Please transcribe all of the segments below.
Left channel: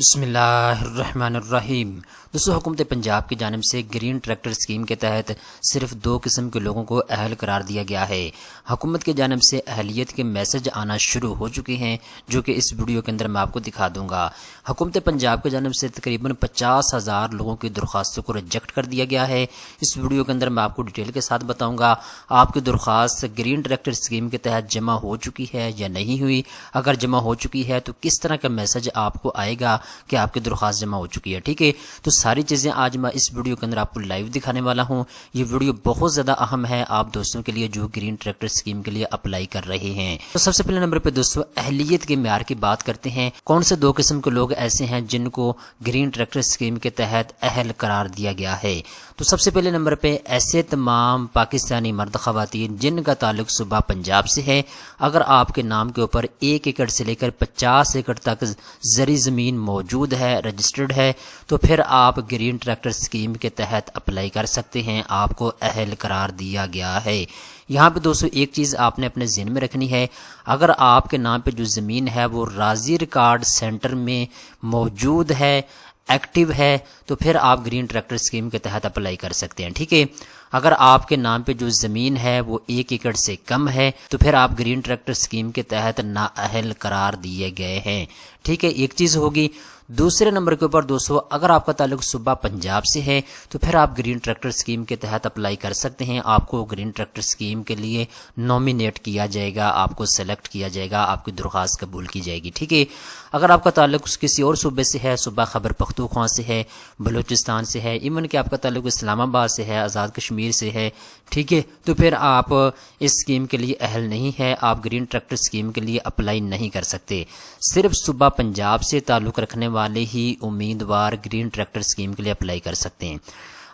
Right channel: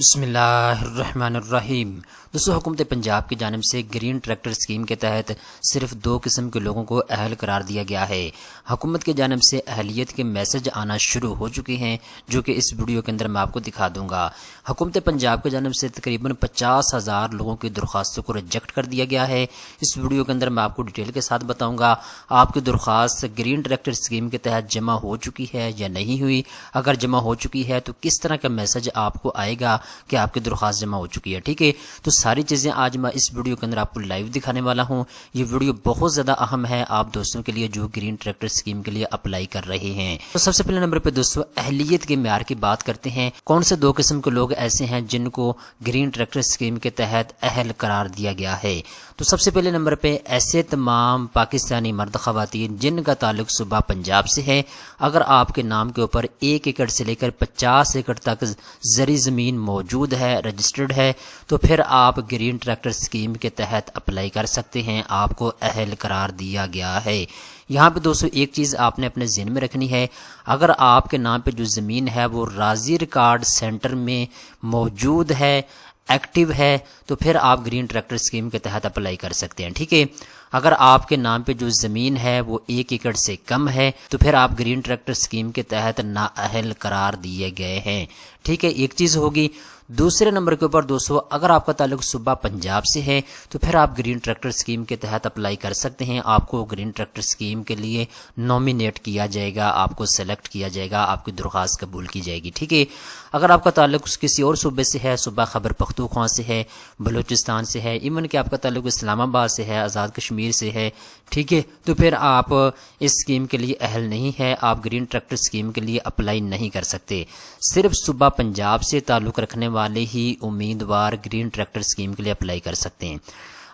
بسم اللہ الرحمن الرحیم۔ دوستو، حکومت پنجاب کی جانب سے گرین ٹریکٹر اسکیم کے تحت صرف 2 قسم کے لوگوں کو اہل قرار دیا گیا ہے۔ حکومت کی جانب سے اہلیت کے میسج آنا شروع ہو چکے ہیں، جو کہ اس ویڈیو کے اندر میں آپ کو دکھا دوں گا۔ حکومت پنجاب کی جانب سے تقریباً 50,000 لوگوں کی درخواستوں کو ریجیکٹ کر دیا گیا ہے۔ اس ویڈیو کے اندر میں آپ کو ڈیٹیل کے ساتھ بتاؤں گا آپ کی درخواست گرین ٹریکٹر اسکیم کے تحت جمع ہو چکی ہے یا نہیں ہوئی۔ اگر جمع ہو چکی ہے تو کس طرح کا میسج آپ کو آئے گا کہ آپ کی درخواست جمع ہو چکی ہے۔ ٹھیک ہے، تو ساری چیزیں آج میں اس ویڈیو کے اندر آپ کو لائیو دکھانے والا ہوں۔ یہ ویڈیو بہت زیادہ اہم ہے آپ دوستوں کے لیے جو گرین ٹریکٹر اسکیم کے لیے اپلائی کر رہے ہیں۔ تو سب سے پہلے نمبر پہ دوستوں اہلیت کے معیار کی بات کرتے ہیں۔ کون سے 2 قسم کے لوگ ایسے ہیں جن کو گرین ٹریکٹر اسکیم کے تحت اہل قرار دیا گیا ہے؟ تو سب سے پہلے نمبر پہ ایسے تمام پاکستانی مرد خواتین جن کا تعلق صوبہ پنجاب سے ہے۔ اگر آپ کے نام کے اوپر 1 ایکڑ سے لے کر 50 ایکڑ تک زرعی زمین موجود ہے، رجسٹرڈ ہے، تو پھر آپ گرین ٹریکٹر اسکیم کے تحت اپلائی کر سکتے ہیں۔ آپ کو اہل قرار دیا گیا ہے۔ یہاں پہ دوستو ایک چیز آپ نے اپنے ذہن میں رکھنی ہے، اگر آپ کے نام پہ جو زمین ہے وہ راضی ریکارڈ سینٹر میں موجود ہے، ایکٹیو ہے، تو پھر آپ گرین ٹریکٹر اسکیم کے تحت اپلائی کر سکتے ہیں۔ ٹھیک ہے، اگر آپ کے نام پہ جو زمین ہے وہ 1 ایکڑ سے کم ہے تو پھر آپ گرین ٹریکٹر اسکیم کے تحت نااہل قرار دیے گئے ہیں۔ ٹھیک ہے، ایک چیز ہوگی۔ دوسرے نمبر کے اوپر دوستو اگر آپ کا تعلق صوبہ پنجاب سے ہے تو پھر آپ گرین ٹریکٹر اسکیم کے تحت اپلائی کر سکتے ہیں۔ آپ کو گرین ٹریکٹر اسکیم کے لیے نومینیٹ کیا جائے گا، آپ کو سلیکٹ کیا جائے گا، آپ کی درخواست قبول کی جائے گی۔ ٹھیک ہے، اگر آپ کا تعلق کسی اور صوبے سے ہے، صوبہ خیبر پختونخوا سے ہے، بلوچستان سے ہے، ایون کہ آپ کا تعلق اسلام آباد سے ہے، آزاد کشمیر سے ہے، ٹھیک ہے، تو پھر آپ اس اسکیم کے لیے اہل نہیں ہے، آپ گرین ٹریکٹر اسکیم کے لیے اپلائی نہیں کر سکتے۔ صرف صوبہ پنجاب سے تعلق رکھنے والے ہی امیدوار گرین ٹریکٹر اسکیم کے لیے اپلائی کر سکتے ہیں۔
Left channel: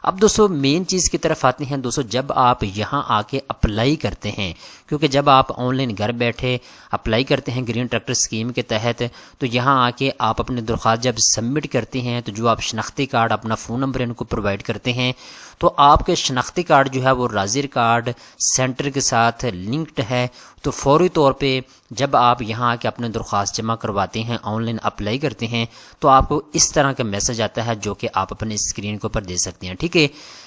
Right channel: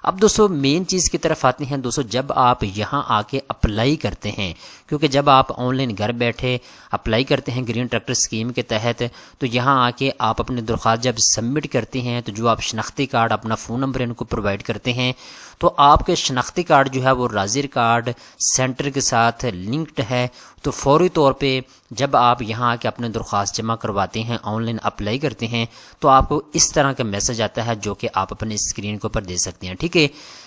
اب دوستو مین چیز کی طرف آتے ہیں۔ دوستو جب آپ یہاں آ کے اپلائی کرتے ہیں، کیونکہ جب آپ آن لائن گھر بیٹھے اپلائی کرتے ہیں گرین ٹریکٹر اسکیم کے تحت، تو یہاں آ کے آپ اپنی درخواست جب سبمٹ کرتے ہیں تو جو آپ شناختی کارڈ اپنا فون نمبر ان کو پرووائڈ کرتے ہیں، تو آپ کے شناختی کارڈ جو ہے وہ راضی ریکارڈ سینٹر کے ساتھ لنکڈ ہے، تو فوری طور پہ جب آپ یہاں آ کے اپنے درخواست جمع کرواتے ہیں، آن لائن اپلائی کرتے ہیں، تو آپ کو اس طرح کا میسج آتا ہے جو کہ آپ اپنے اسکرین کے اوپر دے سکتے ہیں۔ ٹھیک ہے،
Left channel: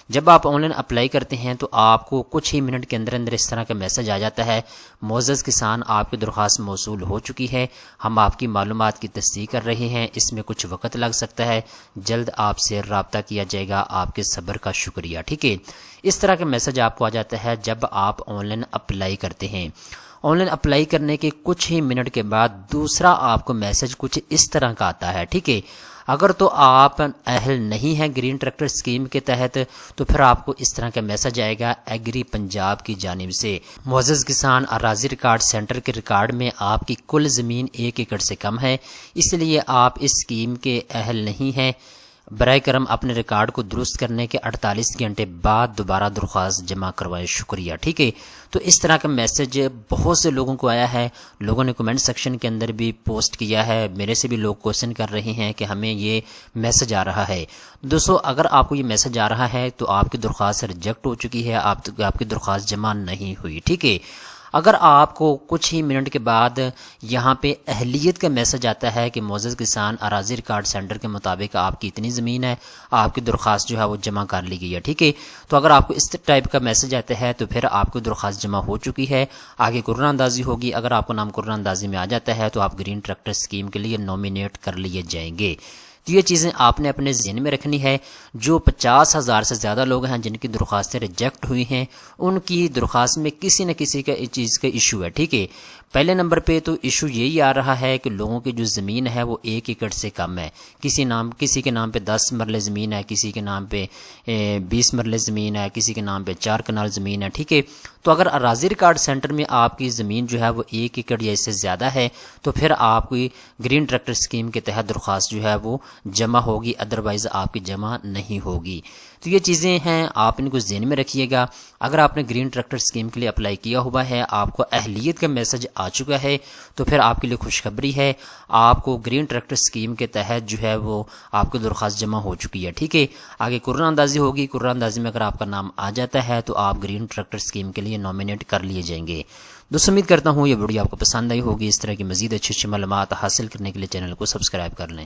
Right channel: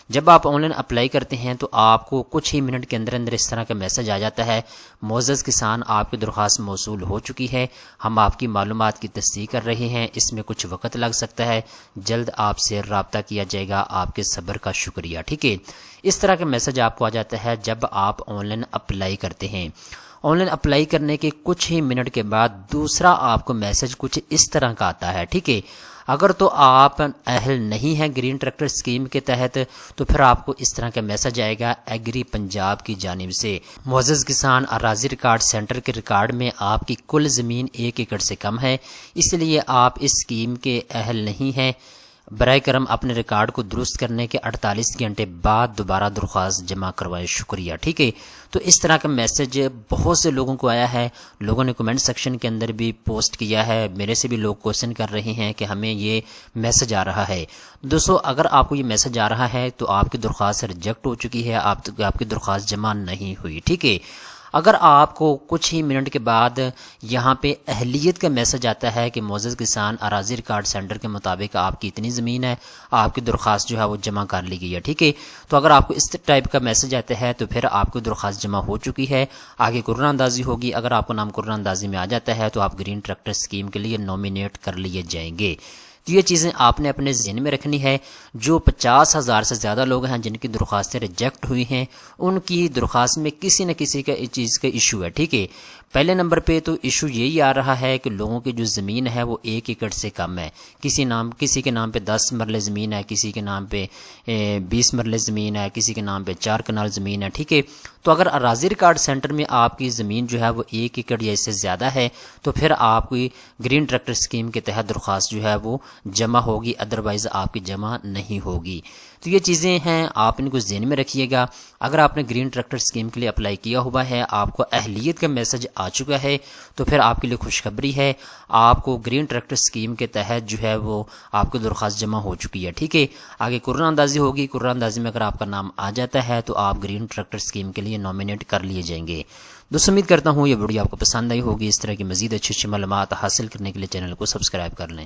جب آپ آن لائن اپلائی کرتے ہیں تو آپ کو کچھ ہی منٹ کے اندر اندر اس طرح کا میسج آ جاتا ہے، معزز کسان آپ کی درخواست موصول ہو چکی ہے، ہم آپ کی معلومات کی تصدیق کر رہے ہیں، اس میں کچھ وقت لگ سکتا ہے، جلد آپ سے رابطہ کیا جائے گا، آپ کے صبر کا شکریہ۔ ٹھیک ہے، اس طرح کا میسج آپ کو آ جاتا ہے جب آپ آن لائن اپلائی کرتے ہیں۔ آن لائن اپلائی کرنے کے کچھ ہی منٹ کے بعد دوسرا آپ کو میسج کچھ اس طرح کا آتا ہے۔ ٹھیک ہے، اگر تو آپ اہل نہیں ہیں گرین ٹریکٹر اسکیم کے تحت تو پھر آپ کو اس طرح کا میسج آئے گا ایگری پنجاب کی جانب سے، معزز کسان اراضی ریکارڈ سینٹر کے ریکارڈ میں آپ کی کل زمین 1 ایکڑ سے کم ہے، اس لیے آپ اس اسکیم کے اہل نہیں ہیں، برائے کرم اپنے ریکارڈ کو درست کرنے کے 48 گھنٹے بعد دوبارہ درخواست جمع کروائیں، شکریہ۔ ٹھیک ہے، تو اس طرح کا میسج بہت سے لوگوں کو آیا ہے، لوگوں نے کمنٹ سیکشن کے اندر بھی پوسٹ کیا ہے، میرے سے بھی لوگ کوشچن کر رہے ہیں کہ ہمیں یہ میسج آ رہا ہے۔ دوستو اگر آپ کو یہ میسج آ رہا ہے تو آپ کی درخواست ریجیکٹ ہو چکی ہے، آپ کی درخواست جمع نہیں ہوئی۔ ٹھیک ہے، اگر آپ کو کچھ ہی منٹ کے بعد یہاں پہ اہلیت کا میسج آتا ہے کہ معزز کسان اراضی ریکارڈ سینٹر کے مطابق آپ کی اتنی زمین ہے، آپ کی درخواست جو ہے وہ جمع کر لی گئی ہے۔ ٹھیک ہے، تو اگر آپ کو اس ٹائپ کا میسج آتا ہے تو پھر آپ کی درخواست جمع ہو چکی ہے، آگے قرعہ اندازی ہوگی۔ اگر آپ کا نام قرعہ اندازی میں آ جاتا ہے تو آپ گرین ٹریکٹر اسکیم کے لیے نومینیٹ کر لیے جائیں گے۔ تو یہ چیزیں آپ نے اپنے ذہن میں رکھنی ہے۔ جو 50,000 سے زیادہ لوگ ہیں جن کی درخواستیں ریجیکٹ ہوئی ہیں، ان کی درخواست میں کسی نہ کسی کا چیز کا ایشو ہے۔ ٹھیک ہے، پہلے نمبر پہ تو ایشو یہی آ رہا ہے کہ لوگوں کی جو زمین ہے وہ 1 ایکڑ سے کم ہے، کسی کے نام پہ 10 مرلے زمین ہے، کسی کے نام پہ 20 مرلے زمین ہے، کسی کے نام پہ 4 کنال زمین ہے۔ ٹھیک ہے، تو اگر اراضی ریکارڈ سینٹر میں آپ کی زمین جو ہے وہ 1 ایکڑ یا اس سے زیادہ ہے تو پھر آپ کی گرین ٹریکٹر اسکیم کے تحت درخواست جو ہے وہ جمع ہوگی، ادروائز آپ کی جمع نہیں ہوگی۔ تو یہ چیزیں ہیں، آپ ان کو ذہن میں رکھیے گا۔ اگر آپ نے گرین ٹریکٹر اسکیم کے لیے اپلائی کیا ہوا ہے، آپ کو اہلیت کا میسج آ چکا ہے، تو پھر آپ کے لیے خوشخبری ہے، آپ کو گرین ٹریکٹر اسکیم کے تحت جو ہے وہ آپ کی درخواست جمع ہو چکی ہے۔ ٹھیک ہے، آگے قرعہ اندازی ہوگی، قرعہ اندازی میں اگر آپ کا نام آ جاتا ہے تو آپ گرین ٹریکٹر اسکیم کے لیے نومینیٹ کر لیے جائیں گے۔ دوستو امید کرتا ہوں یہ ویڈیو آپ کو پسند آئی ہوگی۔ اس طرح کی مزید اچھی معلومات حاصل کرنے کے لیے چینل کو سبسکرائب کر لیں۔